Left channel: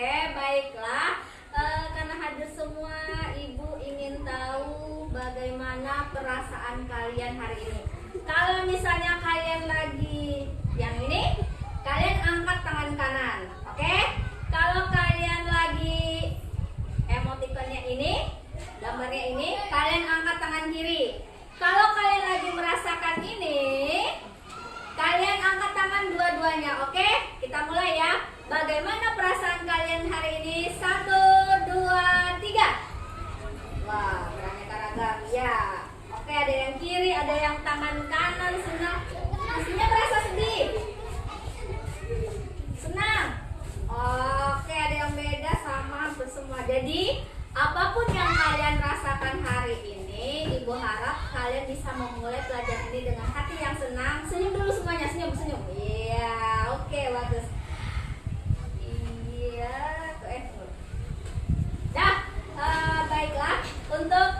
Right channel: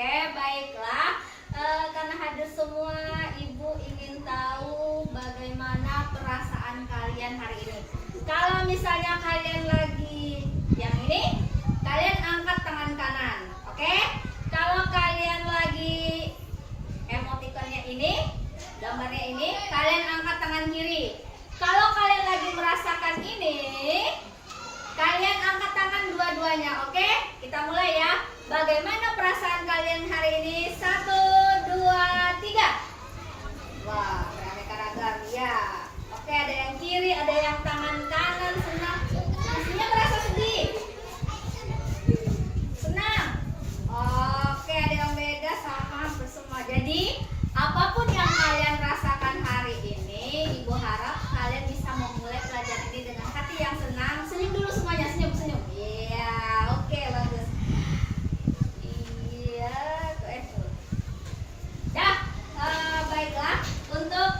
Oke, baiklah. Karena hadir semua, Ibu ingin tahu bagaimana perasaan kalian hari ini. Kalau misalnya kalian lagi yang ini, kalian angkat tangan kanan. Oke? Kalau kalian lagi emotikonnya ini, gambarnya ini, kalian angkat tangan kiri. Kalau kalian lagi merasakan ini, kalian angkat tangan dua-duanya. Oke? Kita mulai ya. Bagaimana perasaan kalian hari ini? 1, 2, 3. Wah, beraneka ragam ya. Oke, ada yang kiri, ada yang tangan kanan senang. Pastinya merasa sedih. Senang. Oke, ada yang beda sama hampir semua. Jadi, apapun yang kalian rasakan hari ini, Ibu harap kalian bisa memulai pelajaran ini dengan hati yang senang. Senyum dulu semuanya, senyum. Iya, oke, bagus. Baiklah, untuk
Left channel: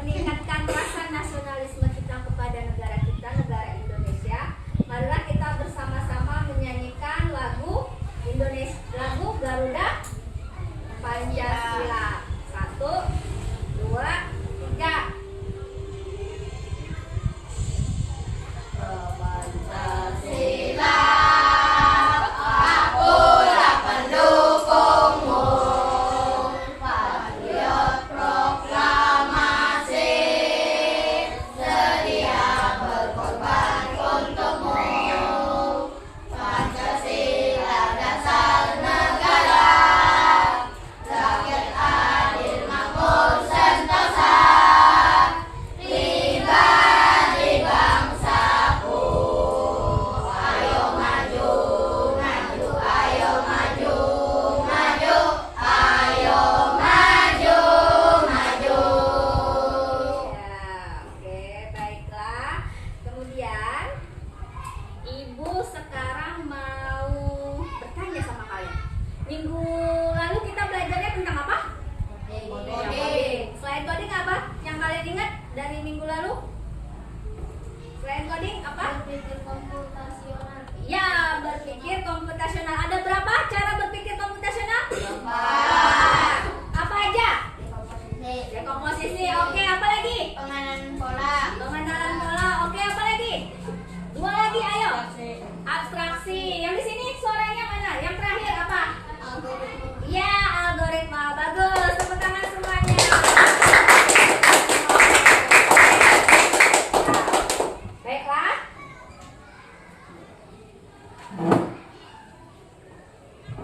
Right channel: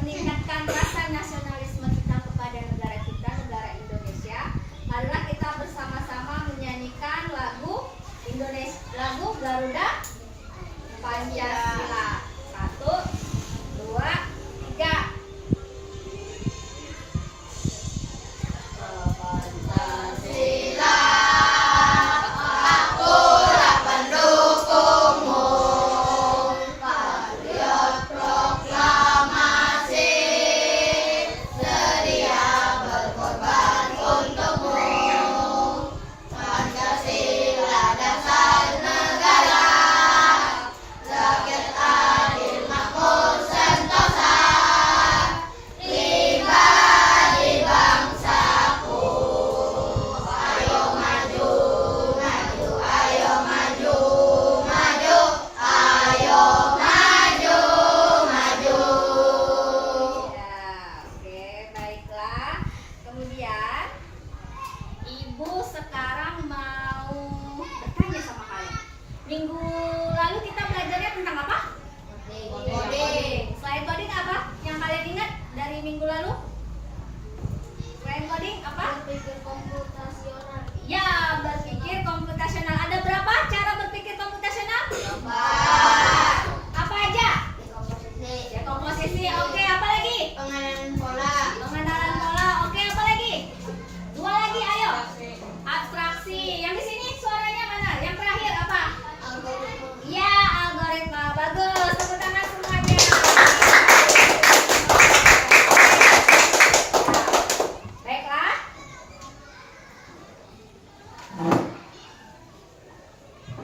meningkatkan rasa nasionalisme kita kepada negara kita, negara Indonesia, marilah kita bersama-sama menyanyikan lagu Indonesia, lagu Garuda Pancasila. 1, 2, 3. Minggu lalu kita belajarnya tentang apa? Coding. Selain coding apa yang kalian ingat dari minggu lalu? Selain coding apa? Berpikir komputasional. Ya, berpikir komputasional. Ada berapa cara berpikir komputasional? 4. Apa aja? Dekomposisi. Oke, apa lagi? Pengenalan pola. Oke, apa lagi? 2 lagi, ayo. Abstraksi. Yang di sini suaranya mana? Yang terakhir apa? Ya, algoritma. Bagus. Tepuk tangan semuanya. Baiklah.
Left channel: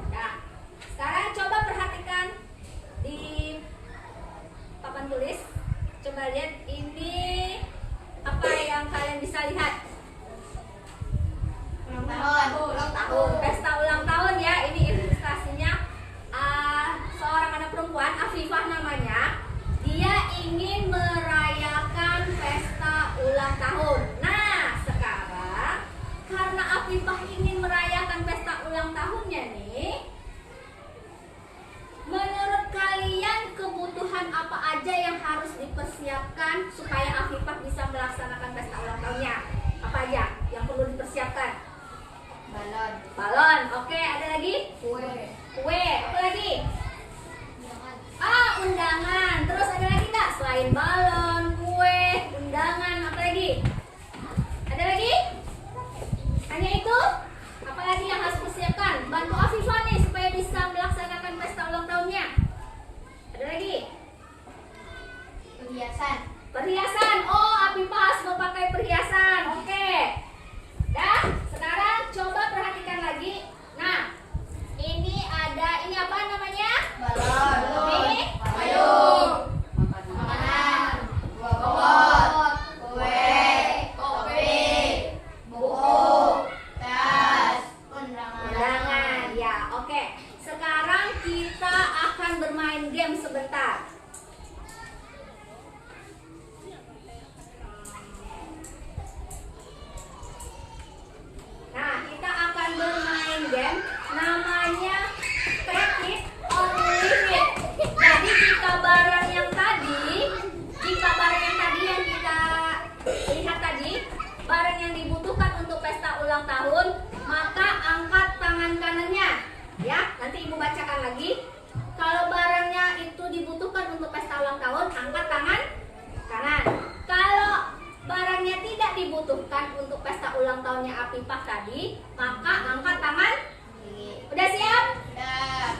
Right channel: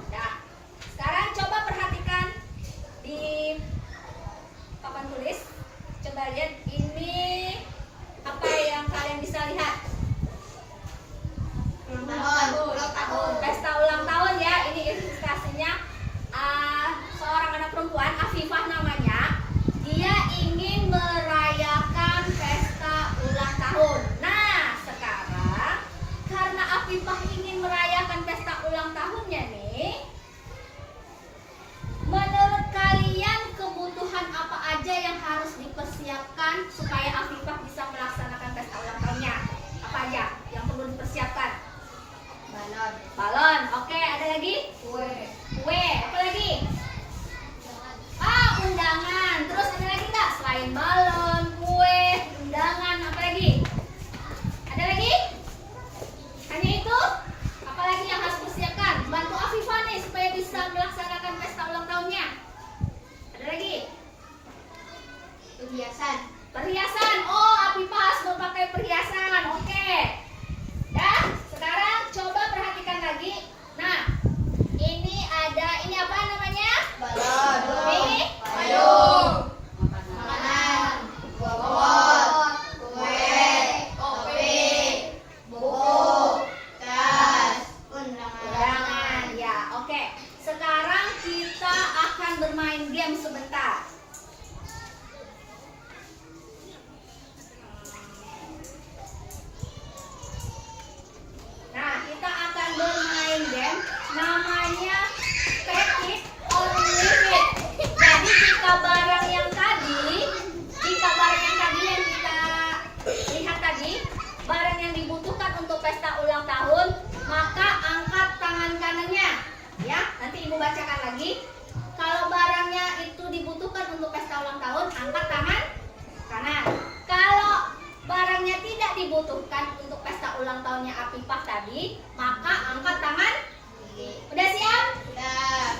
Nah, sekarang coba perhatikan di papan tulis. Coba lihat ini apa yang kalian bisa lihat. Ulang tahun. Pesta ulang tahun ya. Ini ilustrasinya seorang anak perempuan, Afifah namanya. Dia ingin merayakan pesta ulang tahun. Nah, sekarang karena Afifah ingin merayakan pesta ulang tahunnya nih, menurut kalian kebutuhan apa aja yang harus dipersiapkan supaya Afifah bisa melaksanakan pesta ulang tahunnya? Apa aja yang perlu dipersiapkan? Balon. Oke, ada lagi? Kue. Apa lagi? Undangan. Terus ada lagi nggak? Selain balon, kue, undangan, apa lagi? Ada lagi? Hanya itu? Apa lagi yang harus dipersiapkan? Bantu Afifah nih supaya bisa melaksanakan pesta ulang tahunnya. Ada lagi? Perhiasan. Oh, Afifah harus mau pakai perhiasan. Oke. Dah, sekarang coba perhatikan lagi. Nah, ini apa namanya? Balon. Ini Payung. Makanan. Bobot. Kue. Kopi. Buku. Tas. undangan. Ya, oke. Sekarang kita akan bermain game sebentar. Nah, kita akan bermain game namanya Take It or Leave It. Jadi jika barang yang tadi yang kita lihat tadi, barang yang dibutuhkan untuk pesta ulang tahun, maka angkat tangan kanannya. Ya, nanti Ibu baca bacakan lagi. Kalau barangnya itu dibutuhkan untuk pesta ulang tahun, angkat tangan kanan. Kalau barangnya tidak dibutuhkan untuk pesta ulang tahunnya Afifah tadi, maka angkat tangan kiri. Udah siap? Udah.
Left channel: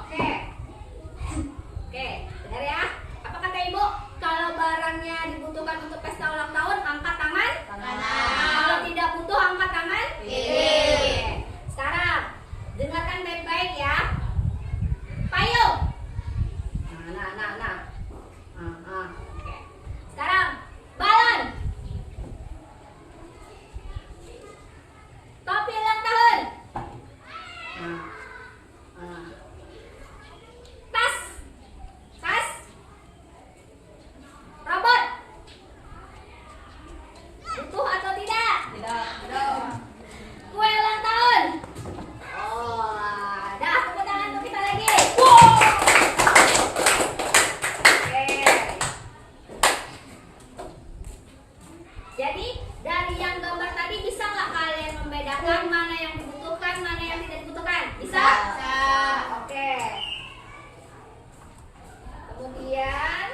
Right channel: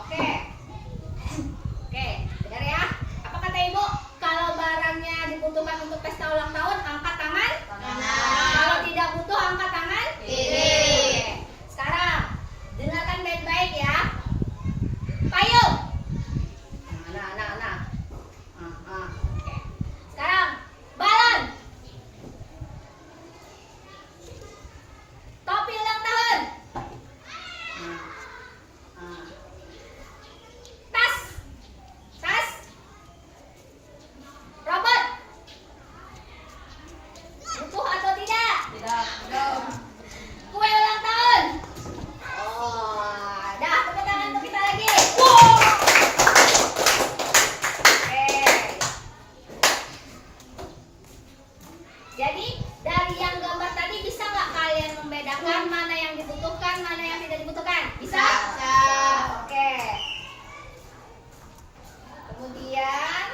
Oke. Oke, dengar ya. Apa kata Ibu? Kalau barangnya dibutuhkan untuk pesta ulang tahun, angkat tangan Kanan. Kalau tidak butuh, angkat tangan Kiri. Oke. Sekarang dengarkan baik-baik ya. Payung. Nah. Oke. Sekarang balon. Topi ulang tahun. Tas. Robot. Butuh atau tidak? Tidak. Belum. Kue ulang tahun. Oh, dah tepuk tangan untuk kita lagi. Oke. Jadi dari yang gambar tadi bisa nggak kalian membedakan mana yang dibutuhkan, mana yang tidak dibutuhkan? Bisa? Bisa. Oke. Kemudian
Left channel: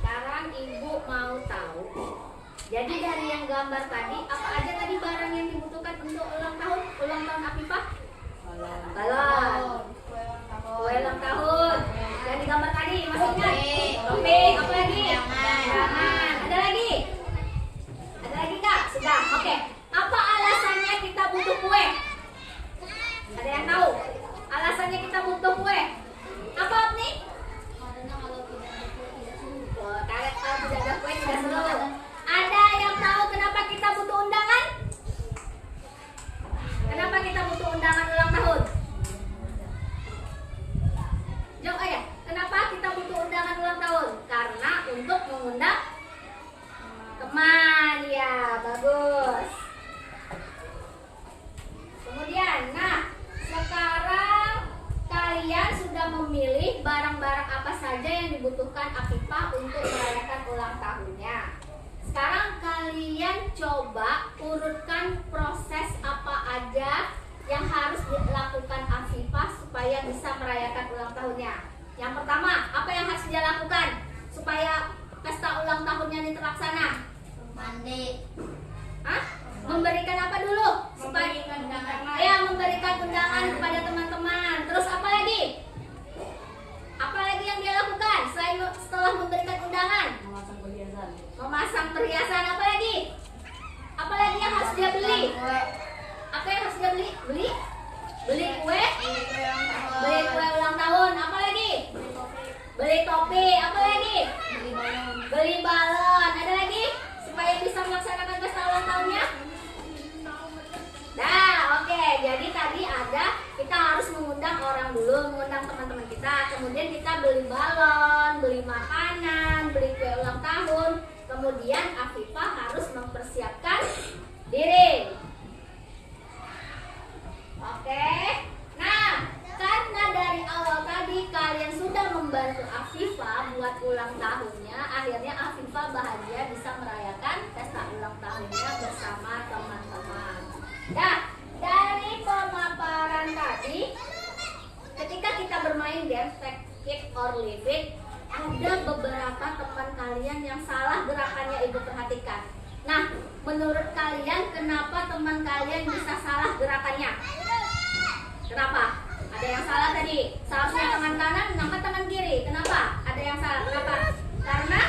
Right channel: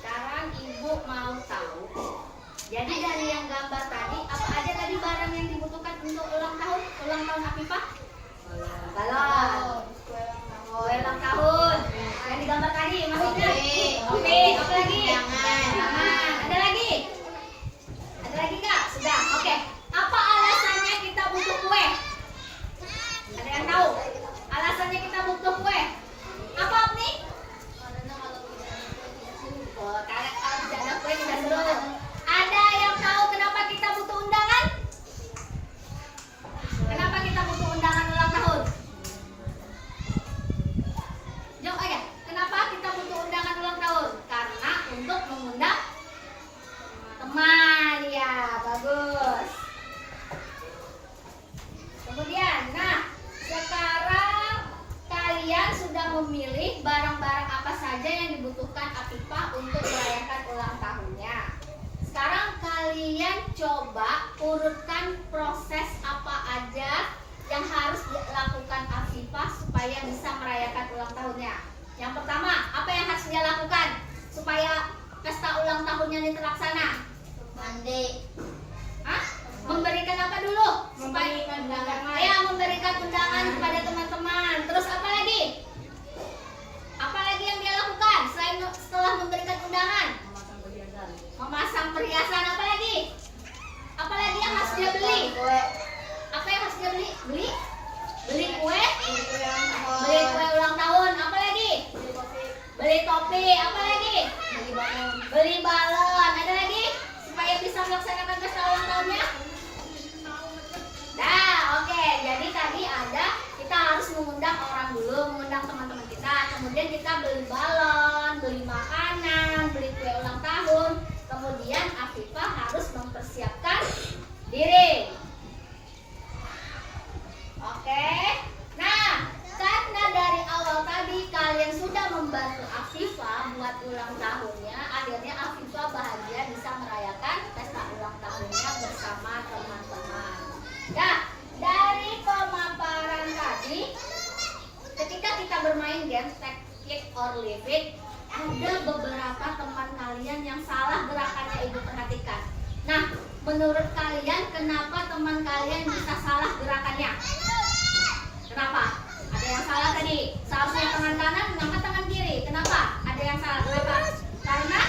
sekarang Ibu mau tahu. Jadi dari yang gambar tadi, apa aja tadi barang yang dibutuhkan untuk ulang tahun Afifah? Balon. Kue ulang tahun. Yang digambar tadi, masih ingat? Topi. Apa lagi? Jangan. Ada lagi? Ada lagi Kak? Sudah. Oke. Apa alasannya kita butuh kue? Ada yang tahu? Alasannya kita butuh kue? Apa nih? Kalau tidak ada kue tidak seru. Ada yang tahu kenapa kita butuh undangan? Kenapa kita butuh undangan ulang tahun? Jawab aja. Kenapa kita butuh undangan ulang tahun? Karena untuk mengundang teman. Ya, bagus. Kemudian, sekarang kalian sudah memilih barang-barang apa saja yang dibutuhkan Afifah untuk merayakan ulang tahunnya. Sekarang kalian coba urutkan proses apa aja yang harus dilakukan Afifah supaya bisa merayakan ulang tahunnya. Yang pertama, apa yang harus dia lakukan supaya pesta ulang tahunnya ini terlaksana? Mandi. Hah? Memberikan apa dulu? Memberikan undangan kepada teman-teman. Terus apa lagi? Apa lagi yang dia lakukan selain setelah memberikan undangan? Memasang perhiasan. Apa lagi? Apa lagi yang harus dia beli? Apa yang harus dia beli? Beli kue? Beli kue ulang tahun. Apa lagi? Beli topi. Apa lagi? Beli balon. Ada lagi? Supaya bisa melaksanakan pesta ulang tahunnya? Nah, oke. Jadi tadi kita harus mengundang orang dulu, mengundang teman-teman kita. Kemudian kita beli balon, beli makanan, beli kue ulang tahun. Kemudian Afifah harus mempersiapkan diri. Oke. Nah, karena dari awal tadi kalian sudah membantu Afifah buat ulang tahunnya, akhirnya Afifah bahagia bisa merayakan pesta ulang tahunnya bersama teman-teman. Nah, dari pemaparan tadi, ketika kita bermain game Take It or Leave It, ada beberapa teman kalian yang salah gerakannya Ibu perhatikan. Nah, menurut kalian kenapa teman kalian bisa salah gerakannya? Kenapa? Ada yang salah tadi. Seharusnya tangan kanan mengangkat tangan kiri. Kenapa? Ada yang salah. Kenapa? Karena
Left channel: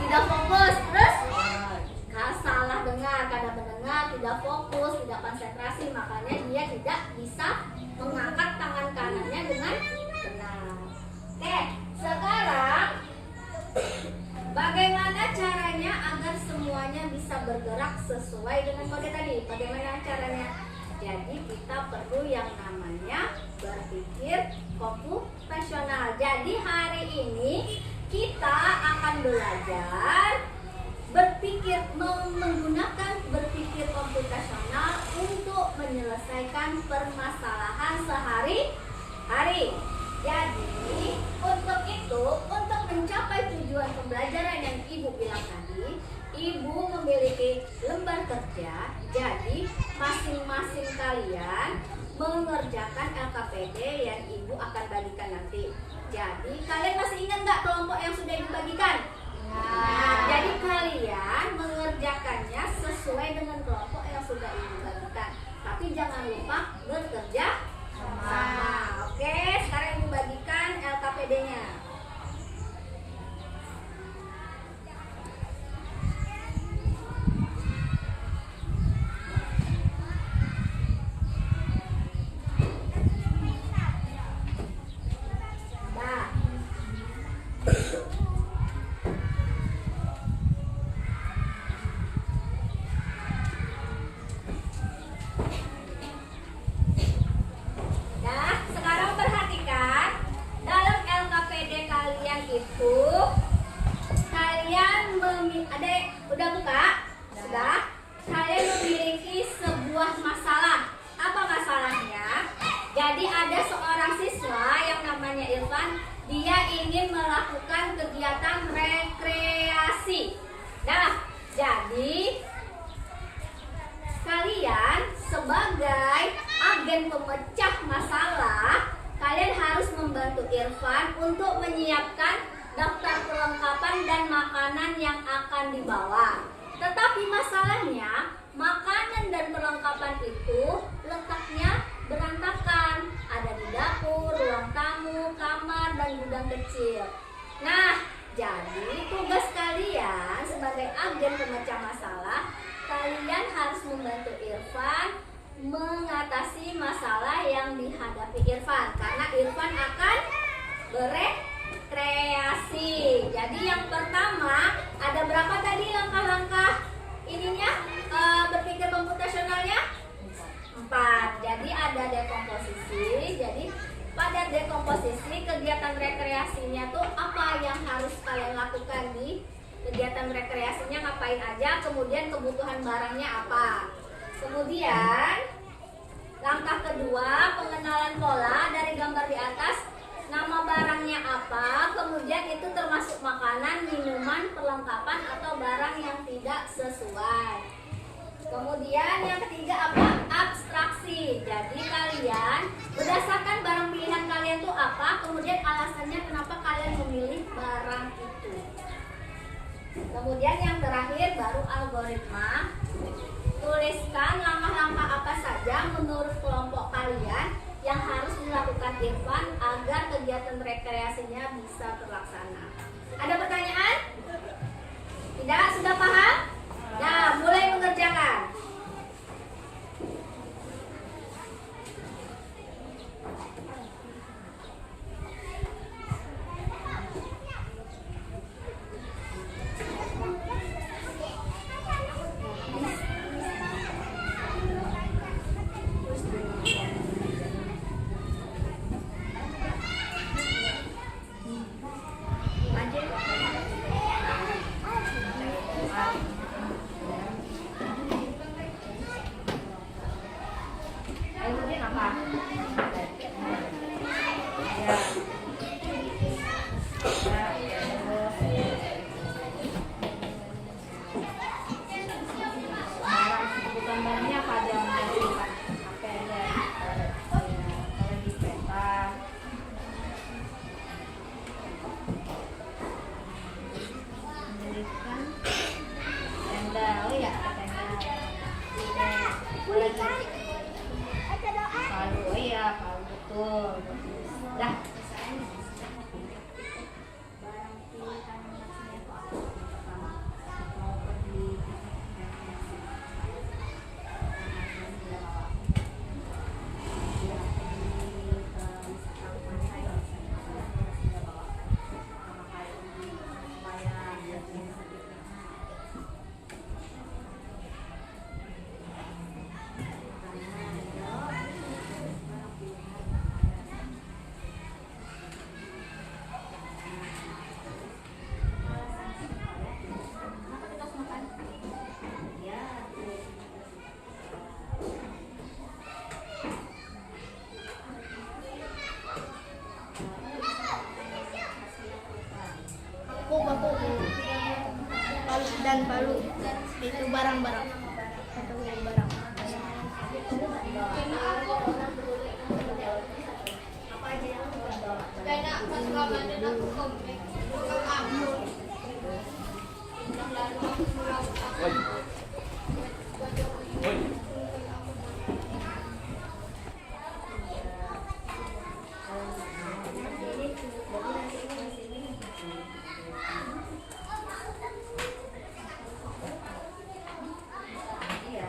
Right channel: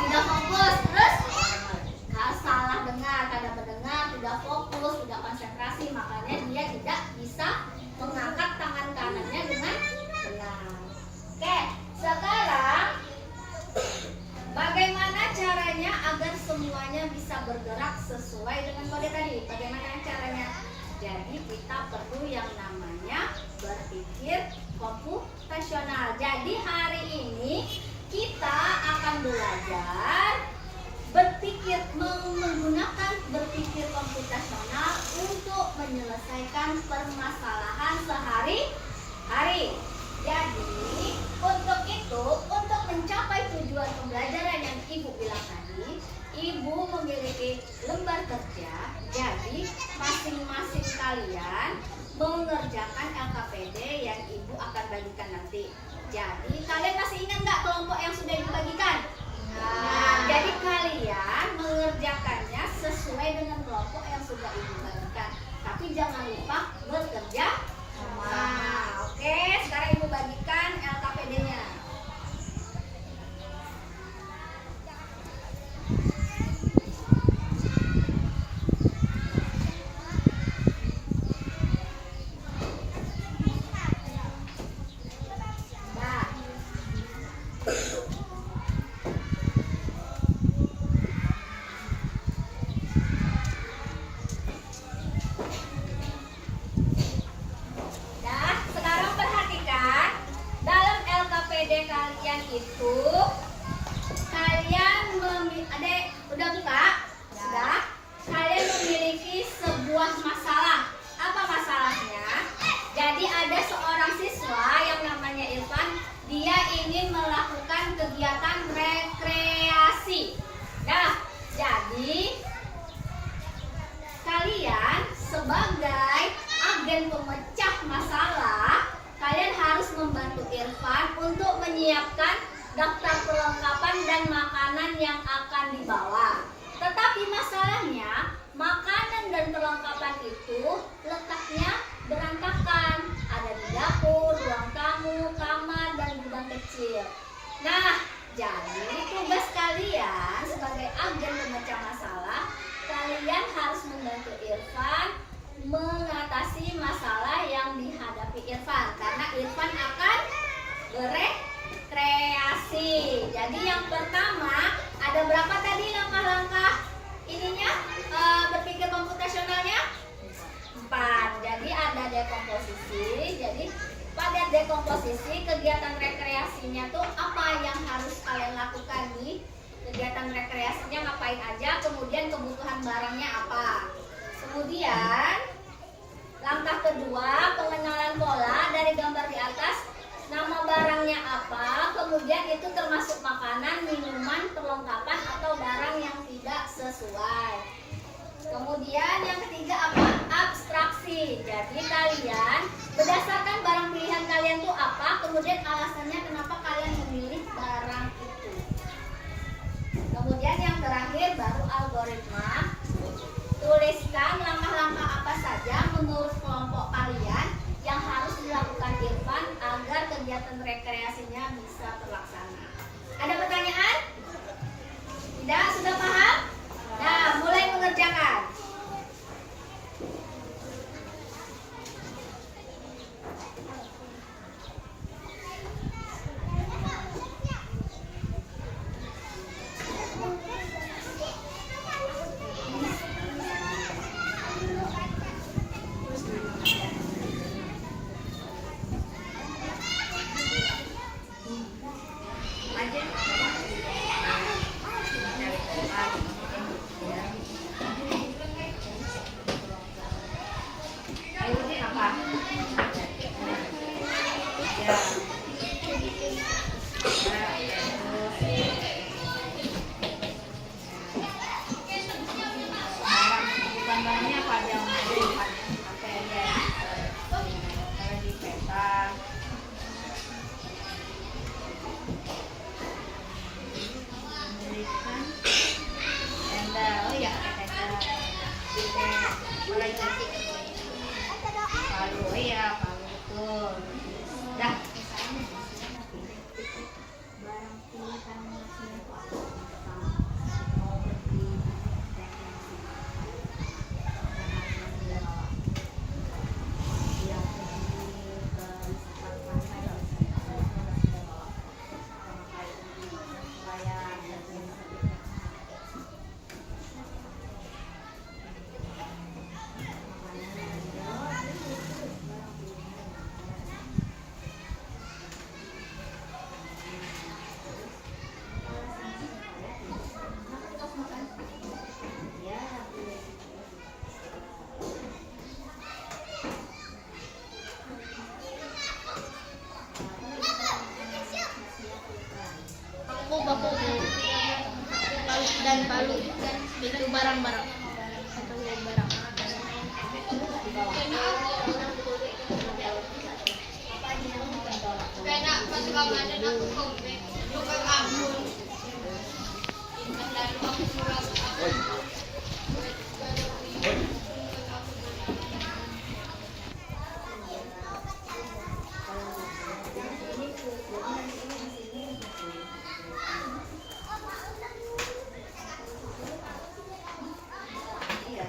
tidak fokus. Terus salah dengar, kadang mendengar, tidak fokus, tidak konsentrasi, makanya dia tidak bisa mengangkat tangan kanannya dengan benar. Oke, sekarang bagaimana caranya agar semuanya bisa bergerak sesuai dengan kode tadi? Bagaimana caranya? Jadi kita perlu yang namanya berpikir komputasional. Jadi hari ini kita akan belajar menggunakan berpikir komputasional untuk menyelesaikan permasalahan sehari-hari. Jadi untuk mencapai tujuan pembelajaran yang Ibu bilang tadi, lembar kerja. Jadi masing-masing kalian mengerjakan LKPD yang ibu akan bagikan nanti. Jadi kalian masih ingat nggak kelompok yang sudah dibagikan? Nah, jadi kalian mengerjakannya sesuai dengan kelompok yang sudah ibu bagikan. Tapi jangan lupa bekerja sama. Oke, sekarang ibu bagikan LKPD-nya. Kalian itu adek udah buka? Sudah? Kalian memiliki sebuah masalah. Apa masalahnya? Jadi ada seorang siswa yang namanya Irfan, dia ingin melakukan kegiatan rekreasi. Nah, jadi kalian sebagai agen pemecah masalah, kalian harus membantu Irfan untuk menyiapkan daftar perlengkapan dan makanan yang akan dibawa. Tetapi masalahnya, makanan dan perlengkapan itu letaknya berantakan. Ada di dapur, ruang tamu, kamar, dan gudang kecil. Nah, jadi tugas kalian sebagai agen pemecah masalah, kalian harus membantu Irfan mengatasi masalah yang dihadapi Irfan, karena Irfan akan berekreasi. Jadi yang pertama, ada berapa tadi langkah-langkah ininya berpikir komputasionalnya? 4. Jadi ada dekomposisi. Jadi pada dekomposisi kegiatan rekreasinya tuh apa yang harus kalian lakukan di kegiatan rekreasinya, ngapain aja, kemudian kebutuhan barangnya apa. Kemudian langkah kedua, pengenalan pola dari gambar di atas. Nama barangnya apa, kemudian itu termasuk makanan, minuman, perlengkapan atau barang yang tidak sesuai. Kemudian yang ketiga apa? Abstraksi. Jadi kalian berdasarkan barang pilihan kalian tuh apa, kemudian alasannya kenapa kalian memilih barang itu. Kemudian yang terakhir baru algoritma. Tuliskan langkah-langkah apa saja menurut kelompok kalian yang harus dilakukan Irfan agar kegiatan rekreasinya bisa terlaksana. Ada pertanyaan? Tidak? Sudah paham? Nah, mulai mengerjakan. palu itu barang-barang atau barang. Kaya pagkakamana na po kami. Pagkakamon. Lalo ako murag ako. Iya.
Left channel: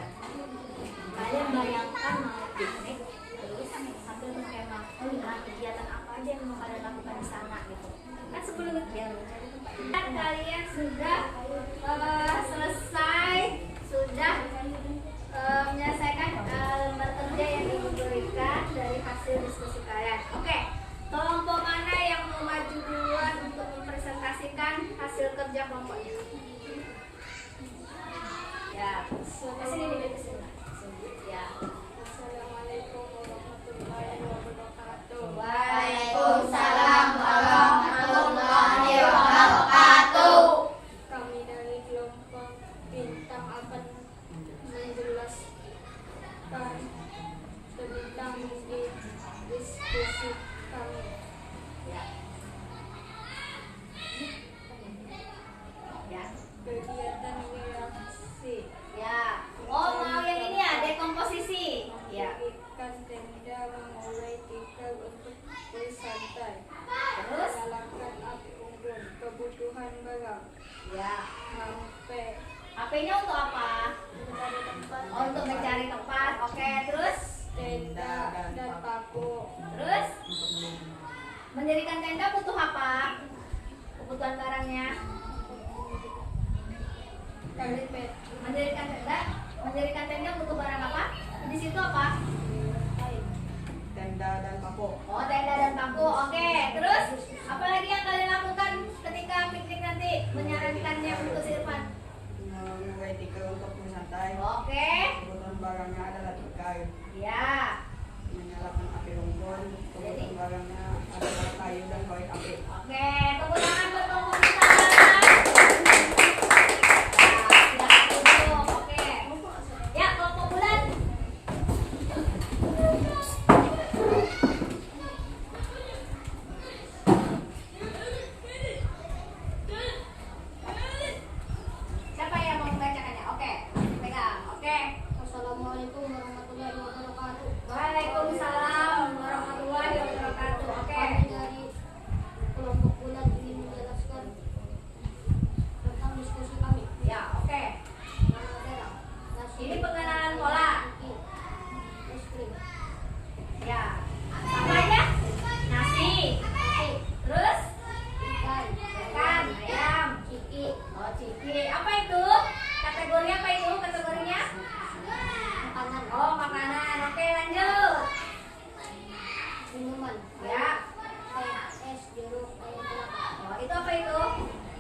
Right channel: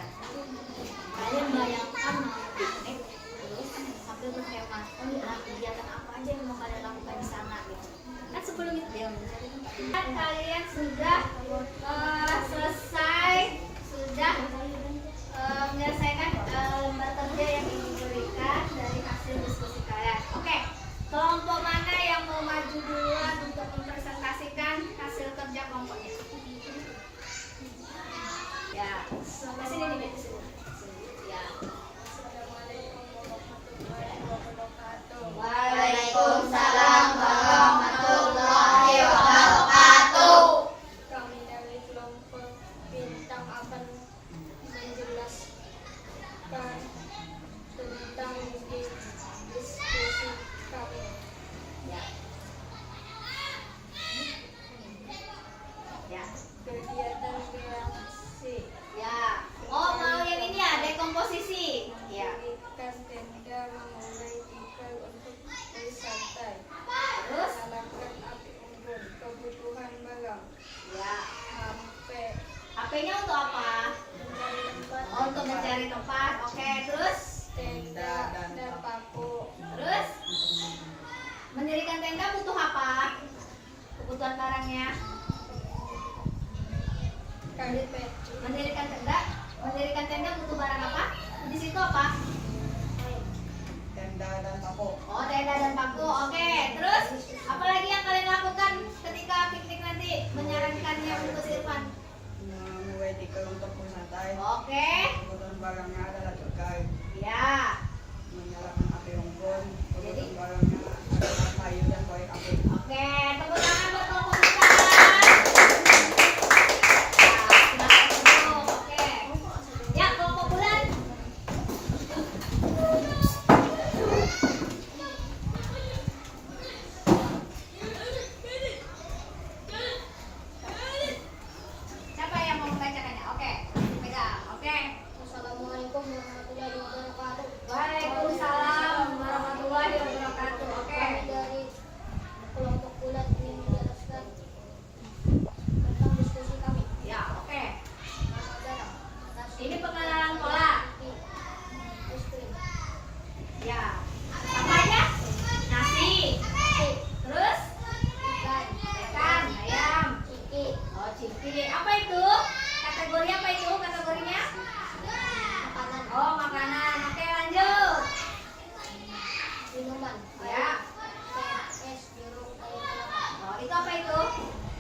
Kalian bayangkan mau piknik terus sambil berhemat. Oh ya, kegiatan apa aja yang mau kalian lakukan di sana gitu. Kan sebelum itu ya mencari tempat. Kan kalian sudah selesai, sudah menyelesaikan lembar kerja yang ibu berikan dari hasil diskusi kalian. Oke, kelompok mana yang mau maju duluan untuk mempresentasikan hasil kerja kelompoknya? Ya, ke sini nih, ke sini. Ya. Waalaikumsalam warahmatullahi wabarakatuh. Kami dari kelompok bintang akan menjelaskan tentang diskusi kami. Ya. Ya. Kegiatan reaksi. Ya. Oh, mau yang ini ya, dekomposisi. Ya. Kita tenda memulai tikar untuk bersantai. Terus? Melakukan api unggun, kebutuhan barang, Ya. HP, HP-nya untuk apa? mencari tempat, Oh, untuk mencari tempat. Oke, terus? tenda dan paku, Terus? Mendirikan tenda butuh apa? Kebutuhan barangnya. karpet, Mendirikan tenda butuh barang apa? Di situ apa? Tenda dan paku. Oh, tenda dan paku. Oke, terus apa lagi yang kalian lakukan ketika piknik nanti? Menyarankannya untuk Irfan. Memulai tikar untuk bersantai. Oke. Kebutuhan barangnya adalah tikar. Ya. Menyalakan api unggun. Jadi? Kebutuhan barangnya adalah kayu dan korek api. Oke, tepuk tangan buat kelompok kita. Ya, sudah cukup. Oke. Ya, kelompok bulan. Siapa yang mau membacakannya? Oke, pegang. Oke. Assalamualaikum warahmatullahi wabarakatuh. Waalaikumsalam warahmatullahi wabarakatuh. Oke. Kami dari kelompok bulan ingin menjelaskan tentang diskusi kami. Ya, oke. Mana barang? Nasi, Ini pengenalan pola. es krim, Ya. Apa aja? Nasi. Terus? Ikan, ayam. ciki, Oh, ciki. Apa itu? Kategori apa itu? Kategorinya? makanan, Oh, makanan. Oke, lanjut. minuman, Ya. teh, es, jeruk, air kelapa, Oh, itu apa itu?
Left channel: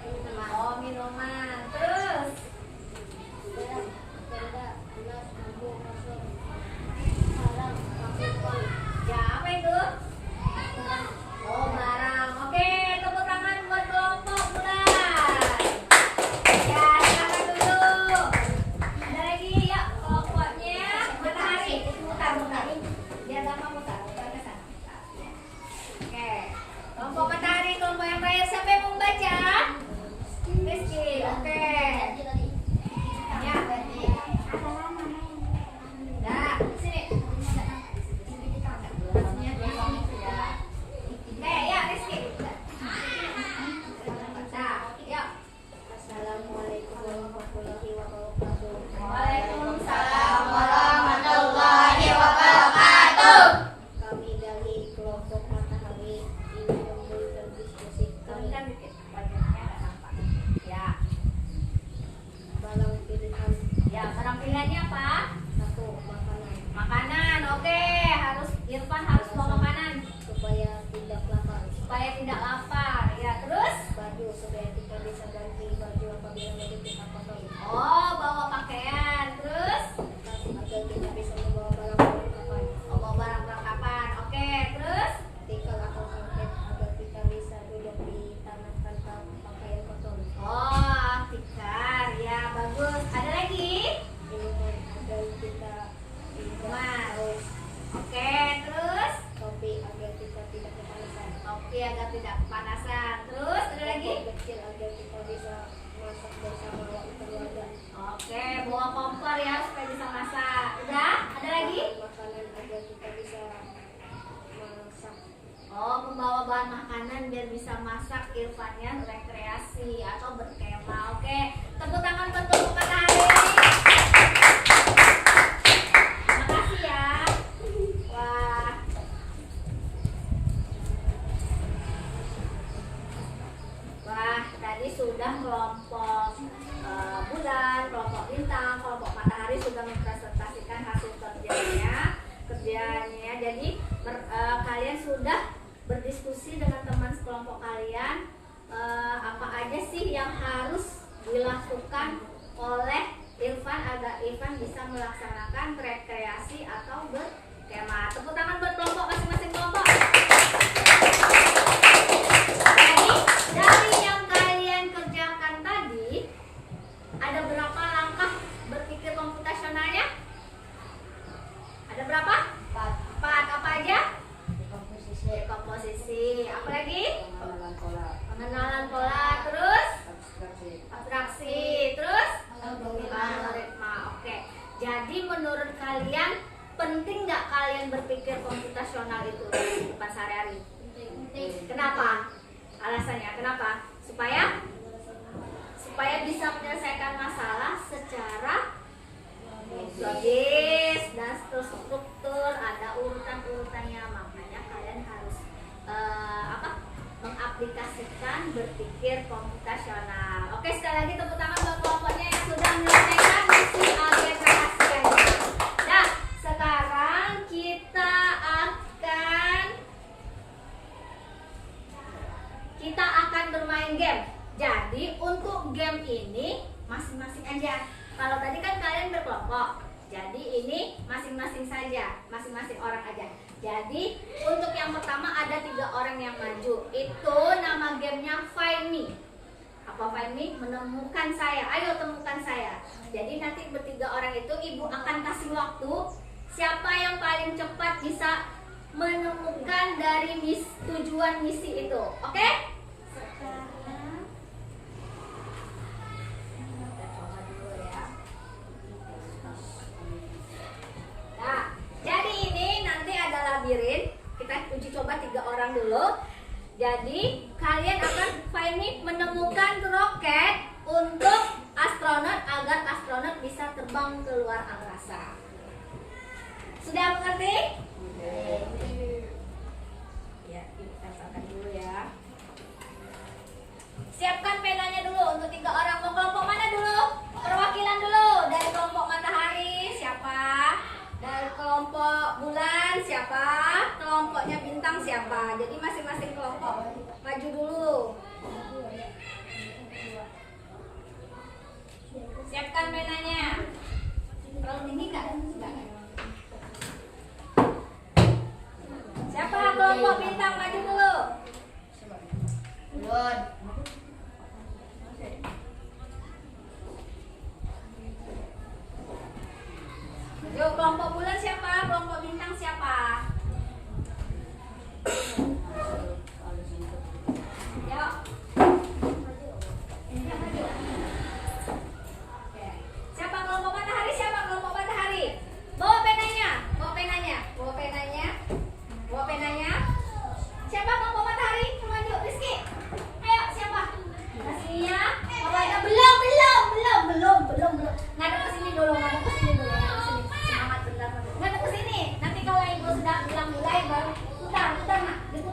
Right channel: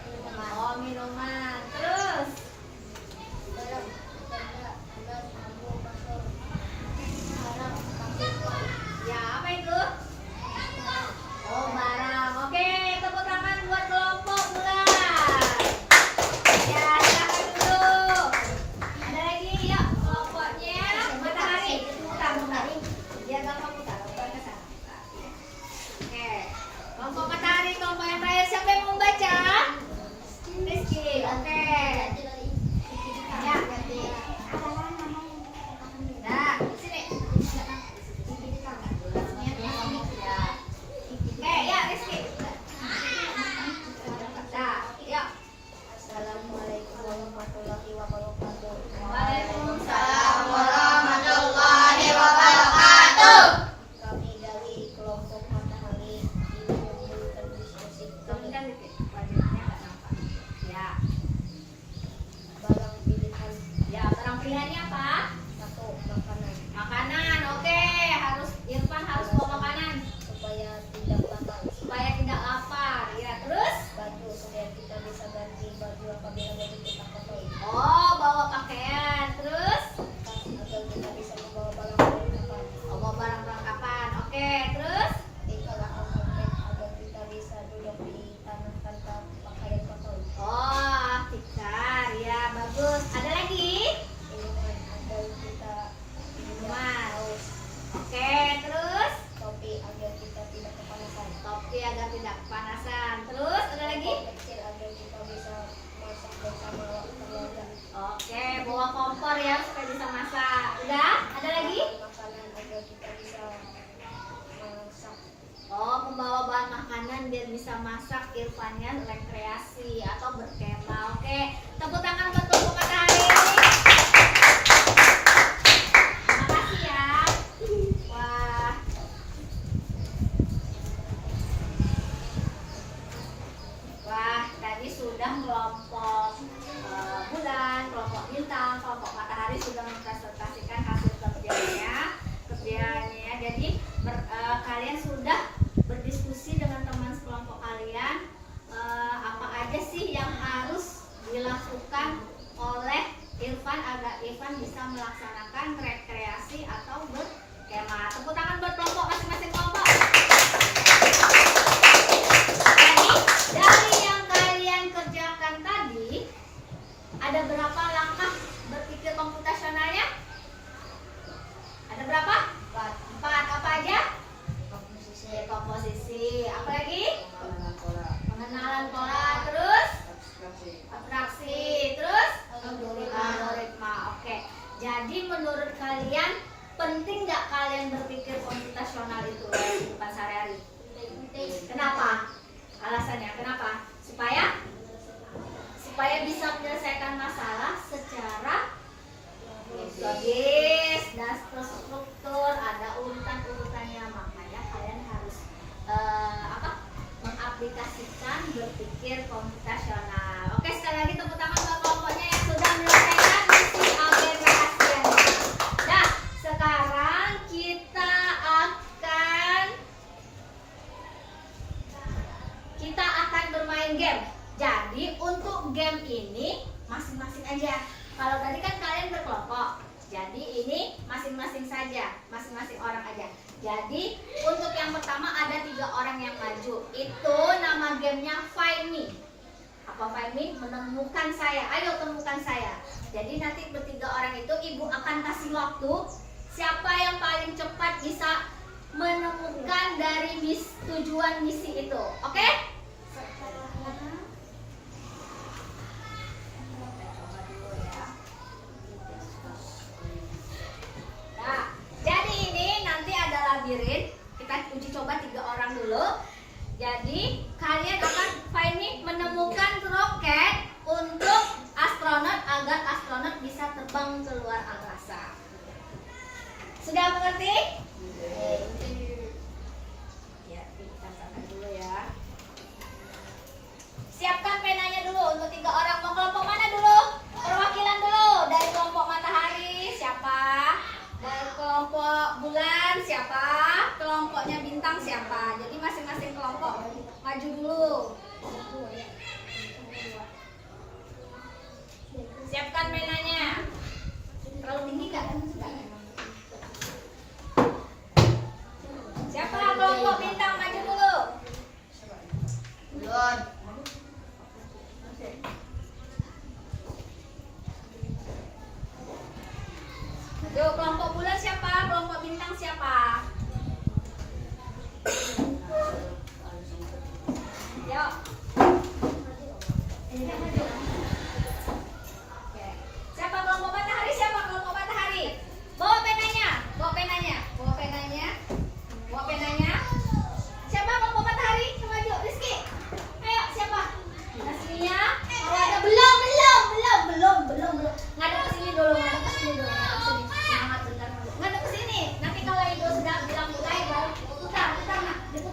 minuman, Oh, minuman. Terus? barang, tenda, gelas, lampu, masker, alat, masker, Ya, apa itu? barang, Oh, barang. Oke, tepuk tangan buat kelompok bulan. Ya, silakan dulu. Ada lagi, yuk kelompoknya matahari. Mutar, mutar. Ya, gampang mutar. Mutar ke sana. Oke, kelompok matahari, kelompok yang terakhir. Siapa yang mau membaca? Rizky. Oke. Ya. Nah, sini. Ya. Oke, ya Rizky. Nah, ya. Assalamualaikum warahmatullahi wabarakatuh. Waalaikumsalam warahmatullahi wabarakatuh. Kami dari kelompok matahari ingin memberikan diskusi kami. Turunkan dikit, wajahnya nggak nampak. Ya, Barang pilihan ya barang pilihannya apa? satu, makanan Makanan, oke. Harus Irfan harus bawa makanan supaya tidak lapar. supaya tidak lapar. Ya, terus? Baju supaya kita bisa ganti baju apabila baju kita kotor. Oh, bawa pakaian. Terus? Tas agar kita bisa membawa barang perlengkapan. Oh, bawa barang perlengkapan. Oke, terus? Tikar atau karpet agar kita bisa duduk di tanah tanpa pakaian kotor. Oh, tikar. Ya, Bagus. Ada lagi? Minuman agar kita Minuman. haus. Oke, terus Topi agar kita tidak kepanasan. topi agar tidak kepanasan. Terus ada lagi? Kompor kecil agar kita bisa masak bersama keluarga. Oke, bawa kompor ya supaya bisa masak. Udah? Ada lagi? Makanan agar kita bisa masak. Oh, membawa bahan makanan biar bisa masak. Irfannya rekreasi atau berkemah. Oke, tepuk tangan buat kelompok matahari. Terima kasih ya. Wah. Wah, tadi sudah kelompok bulan, kelompok bintang, kelompok matahari sudah mempresentasikan hasil kerjanya. Jadi kalian sudah berdiskusi dengan teman sekelompok kalian apa aja sih yang harus dilakukan oleh Irfan agar Irfan bisa melaksanakan rekreasi atau berkemah. Tepuk tangan buat kelompok masing-masing kelompok. Jadi dari yang kalian kerjakan tadi ada berapa langkah berpikir komputasionalnya? Ada berapa? 4. Apa aja? Komposisi. Apa lagi? Pengenalan pola, Pengenalan pola. Terus abstraksi, abstraksi. Terus algoritma. Oke. Jadi menurut kalian penting nggak kalian berpikir komputasional itu dalam kehidupan sehari-hari? Kenapa? Alasannya kenapa? Supaya bisa menyelesaikan masalah secara logis dan struktur, ada urutan-urutannya. Makanya kalian harus mengaplikasikan berpikir komputasional. Oke, sekali lagi tepuk tangan buat kelompoknya yang sudah menyelesaikan misi agen rahasianya. Nah, sekarang kita akan bermain game. Jadi untuk game ini masing-masing aja. Kalau tadi kan kalian berkelompok, jadi ini masing-masing saja, masing-masing orang aja. Jadi untuk yang pertama ada 3 orang yang maju. Itu nama gamenya Find Me. Apa Find Me? Menemukan saya. Ayo temukan saya. Jadi nanti bertiga orang itu ibu akan kasih waktu. Siapa yang paling cepat bisa menemukan dari tujuan misi itu. Oke? Nah, jadi ini nanti ada labirin. Kita uji coba 3 orang dulu. Jadi kalian akan find me menemukan roket untuk astronot agar astronot bisa terbang ke luar angkasa. Sudah mengerti? Ya, kita siapkan dulu ya. Siapkan penanya dulu untuk 3 orang. Mau kelompok mana dulu? Perwakilan dulu. Dari kelompok matahari siapa? Dari kelompok bulan siapa? Kelompoknya bintang siapa? Jadi masing-masing kelompok maju dulu. Siapkan penanya. Terlalu tinggi nggak? Siapa kelompok bintang maju dulu? Bulan. Yuk, kelompok bulan siapa? Kelompok bintang siapa? Yuk. Oke. Siapa kelompok matahari? Siapa kelompok matahari? Bawa penanya. Bawa penanya. Bawa penanya. Bawa penanya. Siapa kelompok matahari? Maju, Rizky. Ayo, siapa? Nasmia. Kalau ada belum. Ngadep ke sini dulu, ngadep ke sini dulu. Semangat bentar. Ngadep ke sini. Nanti kalau ibu sudah bilang mulai baru putar, nah. Diputar.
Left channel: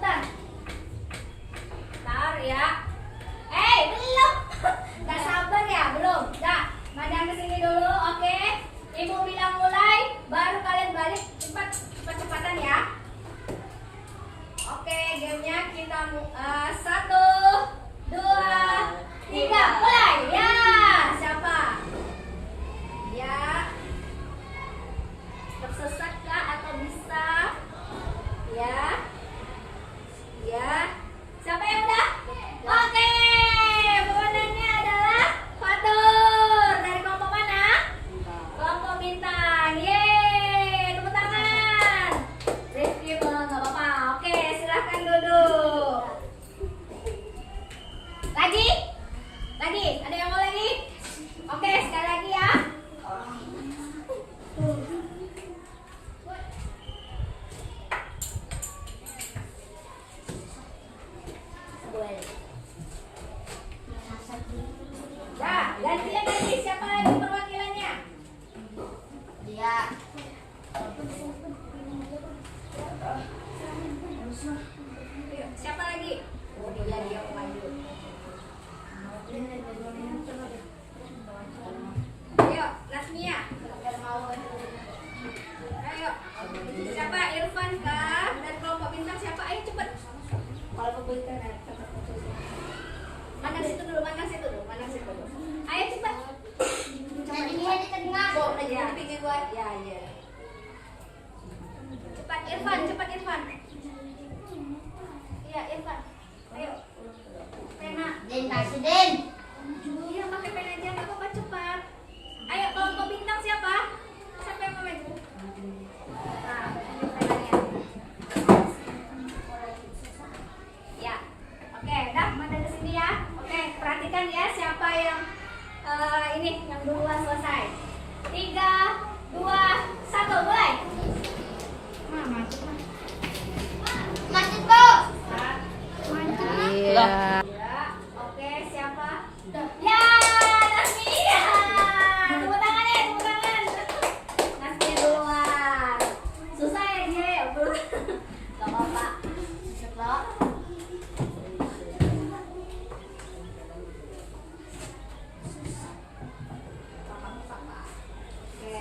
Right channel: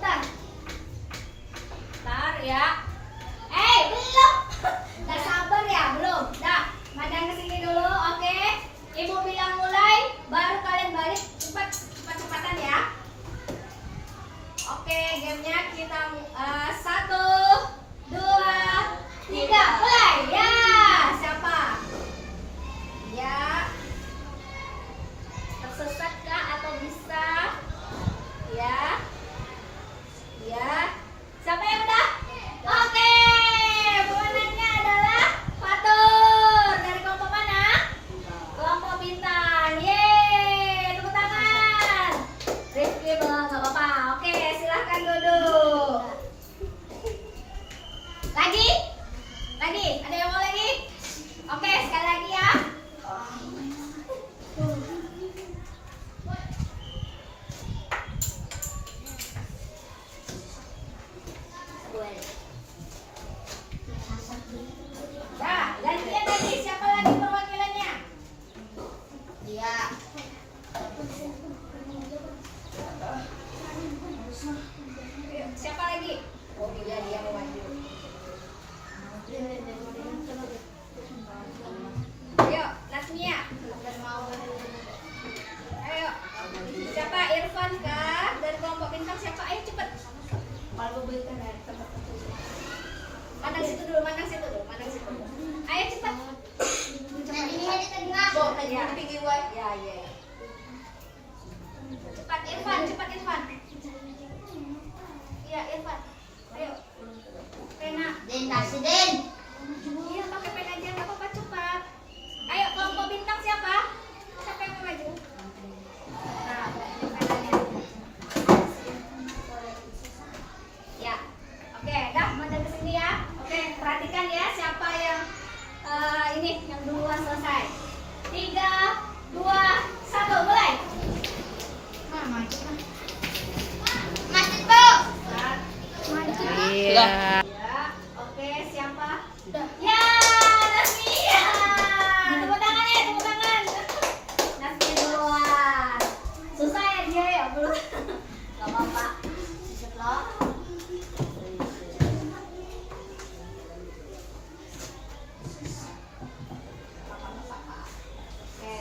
berikan air tempat tertutup. Mandang situ dulu, mandang situ dulu, mandang situ dulu. Ayo cepat. Cepat, cepat. Ya, ya, ya. Cepat Irfan, cepat Irfan. Iya, Irfan. Ayo. Pena. Den kasih Den. Iya, pakai pena aja, nggak apa-apa, cepat. Ayo, kelompok bintang siapa? Siapa yang mau maju? Nah, penanya. Ya, oke, dah, mandang ke sini ya. Oke, perhatikan ya siapa yang ini yang duluan selesai. 3, 2, 1, mulai. Masuk Bu. Iya. Ya, oke, siapa? Ya, Nasmia. Tepuk tangan ya, tepuk tangan. Nasmia duluan. Susah ya dia ya, belum. Gak apa-apa. Setelah. Oke.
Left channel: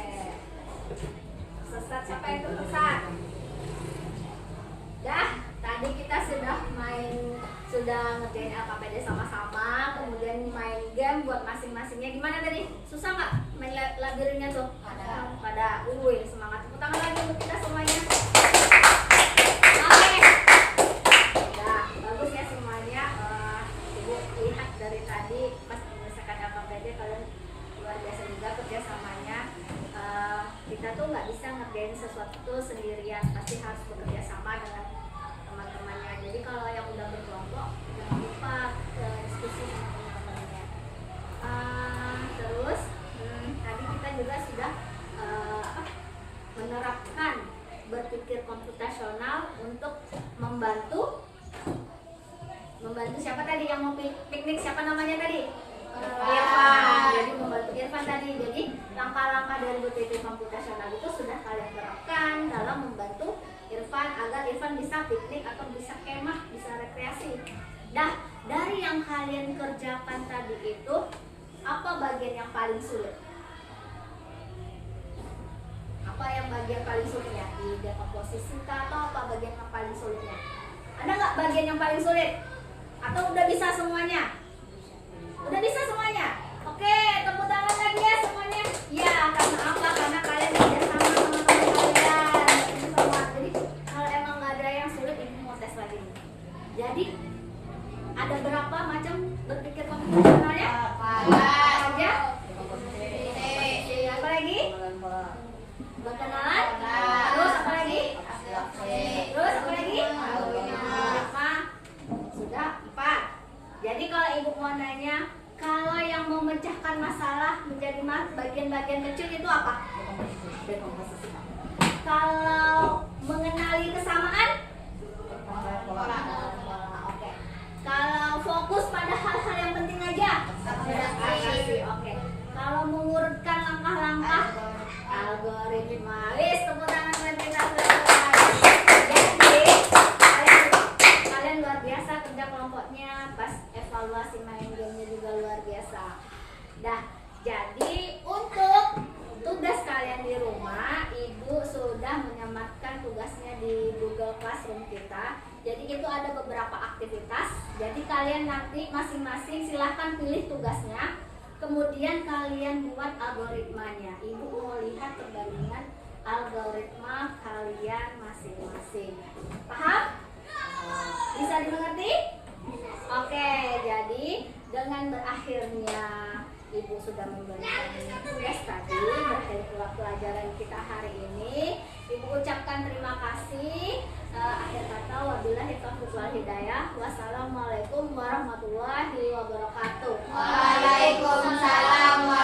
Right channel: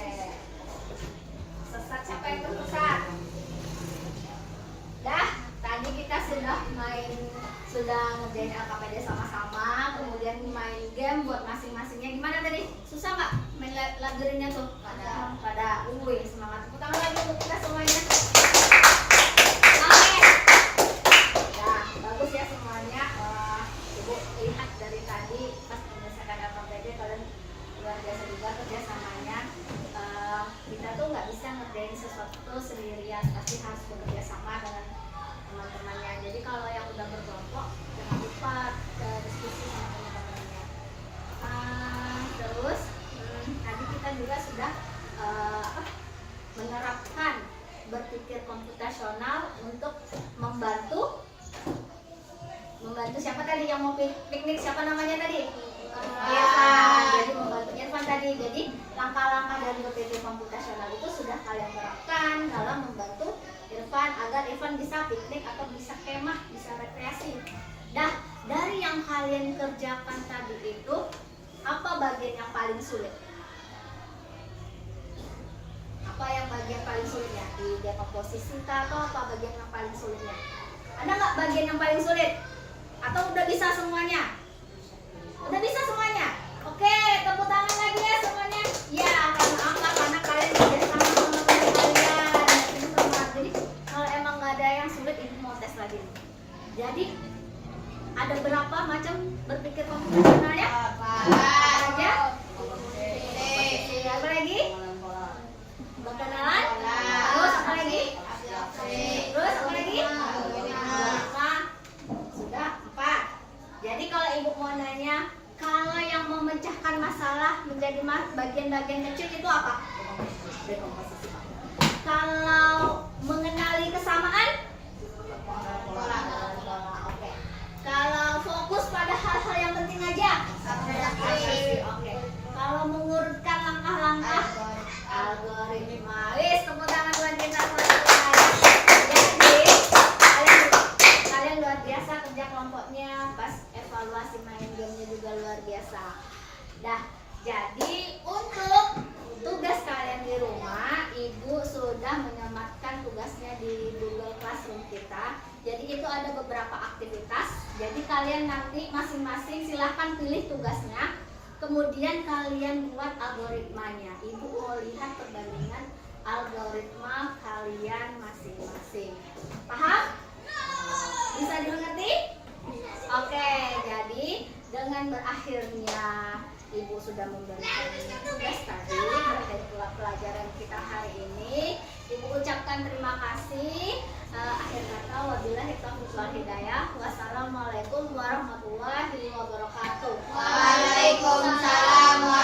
Sesat siapa yang tersesat? Dah, tadi kita sudah ngerjain LKPD sama-sama, kemudian main game buat masing-masingnya. Gimana tadi? Susah nggak main labirinnya tuh? Pada, semangat. Tepuk tangan lagi untuk kita semuanya. Oke. Nah, bagus ya semuanya. Ibu lihat dari tadi pas menyelesaikan LKPD kalian luar biasa juga kerjasamanya. Kita tuh nggak bisa ngerjain sesuatu sendirian, pasti harus bekerja sama dengan teman-temannya. Jadi kalau yang udah berkelompok jangan lupa diskusi sama teman-temannya. Terus tadi kita juga sudah menerapkan berpikir komputasional untuk membantu siapa tadi yang mau piknik, siapa namanya tadi? Irfan. Jadi membantu Irfan tadi. Jadi langkah-langkah dari berpikir komputasional itu sudah kalian terapkan dalam membantu Irfan agar Irfan bisa piknik atau bisa kemah, bisa rekreasi. Dah, dari yang kalian kerjakan tadi itu apa bagian yang paling sulit? Apa yang bagian paling sulitnya? Di dekomposisi atau apa bagian yang paling sulitnya? Ada nggak bagian yang paling sulit? Atau udah bisa semuanya? Udah bisa semuanya? Oke, tepuk tangan lagi ya semuanya. Ya, karena apa? Karena kalian kerja sama teman kalian. Jadi kalau emang nggak ada yang sulit, ibu mau tes lagi nih. Jadi ada berapa macam berpikir komputasionalnya? Aja. Apa lagi? Berkenalan. Terus apa lagi? Terus apa lagi? Sudah 4. Jadi kalau ibu mau nanya, kalau yang memecahkan masalah menjadi bagian-bagian kecil itu apa? Dekomposisi. Kalau mengenali kesamaan? Pola. Oke. Kalau fokus pada hal-hal yang penting aja? Oke. Kalau mengurutkan langkah-langkah? Algoritma. Wis, tepuk tangan buat kita selesai. Jadi kalian luar biasa kerja kelompoknya, pas evaluasi main gamenya juga luar biasa. Dah, jadi untuk tugas kalian di rumah, ibu sudah menyematkan tugasnya di Google Classroom kita. Jadi itu ada beberapa aktivitas. Jadi kalian nanti masing-masing silahkan pilih tugasnya. Kemudian kalian buat algoritmanya. Ibu mau lihat perbandingan algoritma kalian masing-masing. Paham? Bisa dimengerti? Oke, jadi dengan berakhirnya ibu sudah memberikan tugas tadi terkait pelajaran kita hari ini, ibu ucapkan terima kasih. Akhir kata, wabillahi taufiq wal hidayah. Wassalamualaikum warahmatullahi wabarakatuh. Waalaikumsalam.